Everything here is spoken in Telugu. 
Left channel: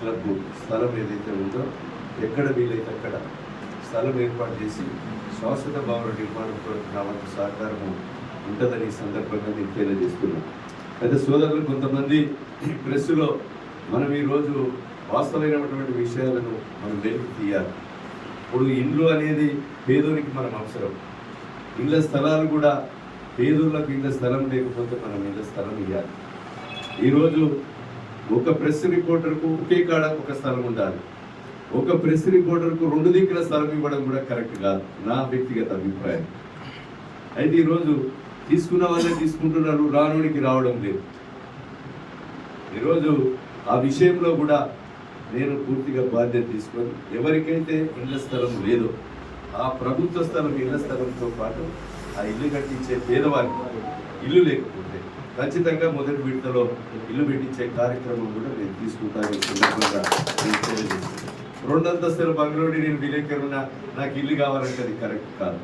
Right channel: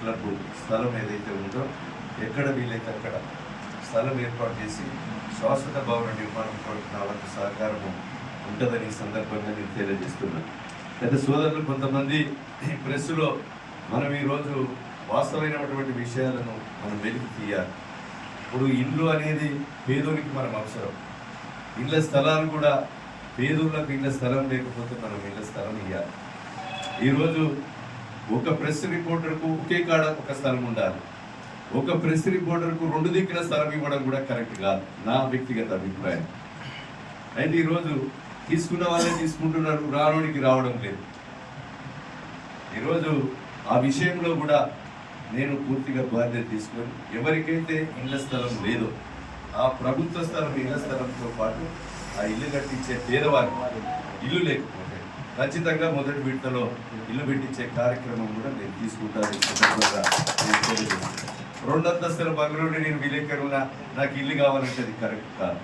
క్లబ్ స్థలం ఏదైతే ఉందో ఎక్కడ వీలైతే అక్కడ స్థలం ఏర్పాటు చేసి శాశ్వత భవన నిర్మాణం కొరకు నా సహకారము ఉంటుందని ఈ సందర్భంగా నేను తెలియజేస్తున్నాను. అయితే సోదరులు కొంతమంది ప్రెస్లో మనం ఈరోజు వాస్తవమైనటువంటి విషయాలను మనం వెలికి తీయాలి. ఇప్పుడు ఇండ్లు అనేది పేదోనికి మనం అవసరం. ఇళ్ళ స్థలాలు కూడా పేదోళ్ళకు ఇళ్ళ స్థలం లేకపోతే మనం ఇళ్ళ స్థలం ఇవ్వాలి ఈరోజు ఒక ప్రెస్ రిపోర్టర్కు ఒకే కాడ ఒక స్థలం ఉండాలి. ఒక ప్రెస్ రిపోర్టర్కు రెండు దిక్కుల స్థలం ఇవ్వడం కూడా కరెక్ట్ కాదు. నా వ్యక్తిగత అభిప్రాయం. అయితే ఈరోజు తీసుకున్న వాళ్ళే తీసుకుంటున్నారు రానోడికి రావడం లేదు. ఈరోజు ఆ విషయంలో కూడా నేను పూర్తిగా బాధ్యత తీసుకొని ఎవరికైతే ఇళ్ళ స్థలం లేదో ఆ ప్రభుత్వ స్థలం ఇళ్ళ స్థలంతో పాటు ఆ ఇల్లు కట్టించే పేదవారికి ఇల్లు లేకపోతే ఖచ్చితంగా మొదటి విడతలో ఇల్లు పెట్టించే కార్యక్రమం కూడా నేను తీసుకుంటాను ఈ సందర్భంగా రెండంతస్తుల బంగ్లోని నేను విలేకరున్నా నాకు ఇల్లు కావాలంటే అది కరెక్ట్ కాదు.